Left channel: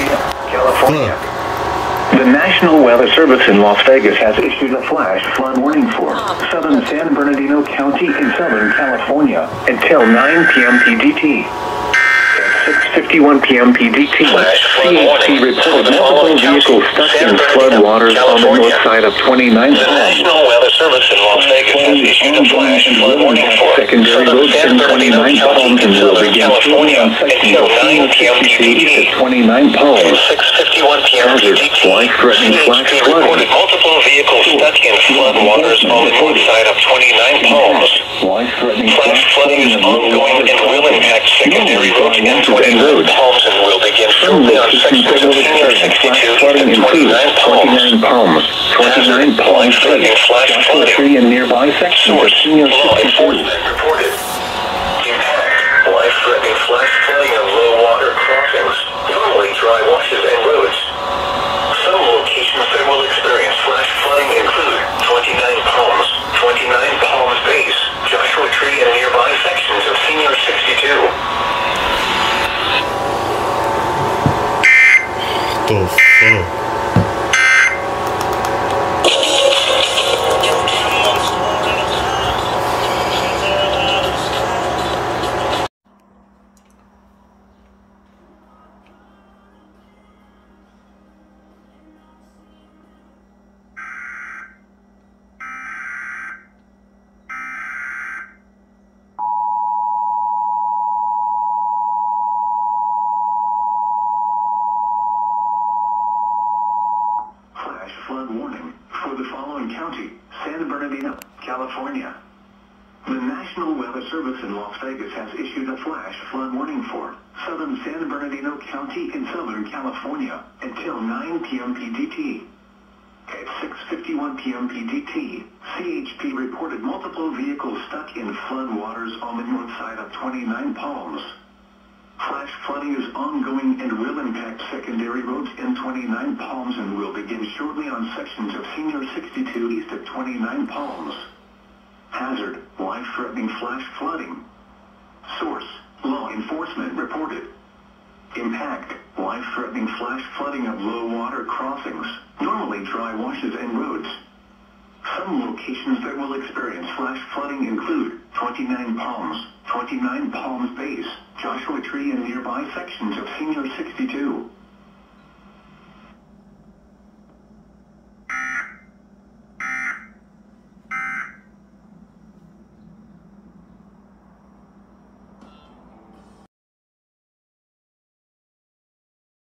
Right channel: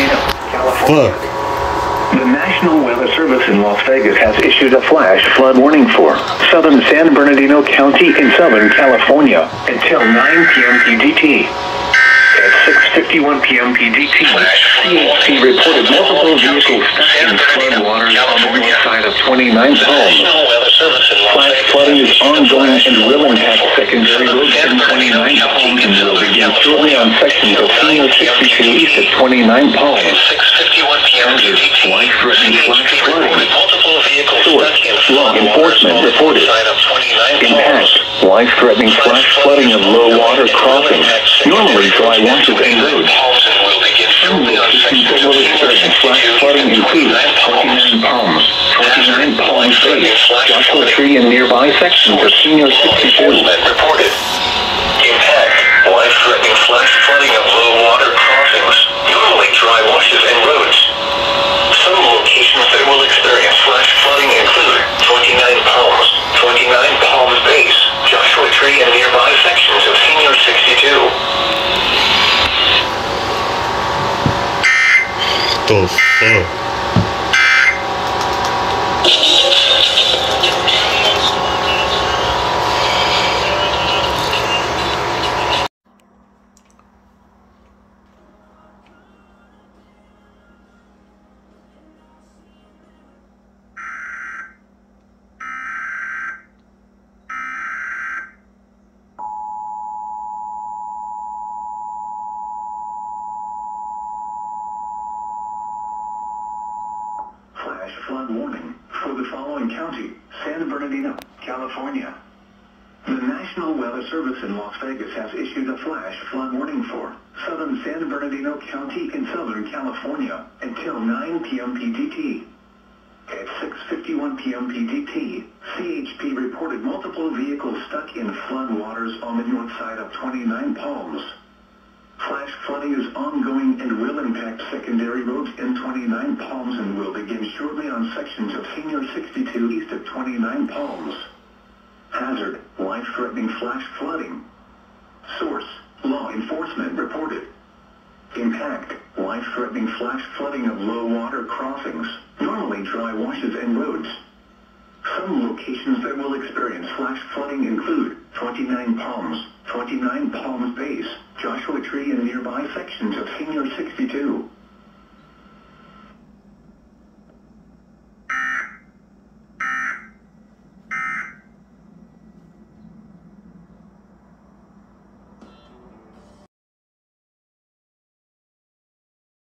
Bernardino, California. The National Weather Service in Las Vegas has issued a flash flood warning for southern San Bernardino County in Southern California until 9 p.m. PDT. At 6:51 p.m. PDT, CHP reported multiple vehicles stuck in flood waters on the north side of 29 Palms. Flash flooding is ongoing and will impact secondary roads in 29 Palms and will begin shortly on sections of Senior 62 east of 29 Palms. Hazard, life-threatening flash flooding. Source, law enforcement reported. Impact, life-threatening flash flooding of low water crossings. Normally dry washes and roads. Some locations that will experience flash flooding include 29 Palms, 29 Palms Base, Joshua Tree, and nearby sections of Senior 62. Impact, life-threatening flash flooding of low water crossings. Normally dry washes and roads. Some locations that will experience flash flooding include 29 Palms, 29 Palms Base, Joshua Tree, and nearby sections of Senior 62. The fuck? Flood warning for the following county: San Bernardino, California. The National Weather Service in Las Vegas has issued a flash flood warning for southern San Bernardino County in Southern California until 9 p.m. PDT. At 6:51 p.m. PDT, CHP reported multiple vehicles stuck in flood waters on the north side of 29 Palms. Flash flooding is ongoing and will impact secondary roads in 29 Palms and will begin shortly on sections of Senior 62 east of 29 Palms. Hazard, life-threatening flash flooding. Source, law enforcement reported. Impact, life-threatening flash flooding of low water crossings, normally dry washes and roads. Some locations that will experience flash flooding include 29 Palms, 29 Palms Base, Joshua Tree, and nearby sections of Senior 62.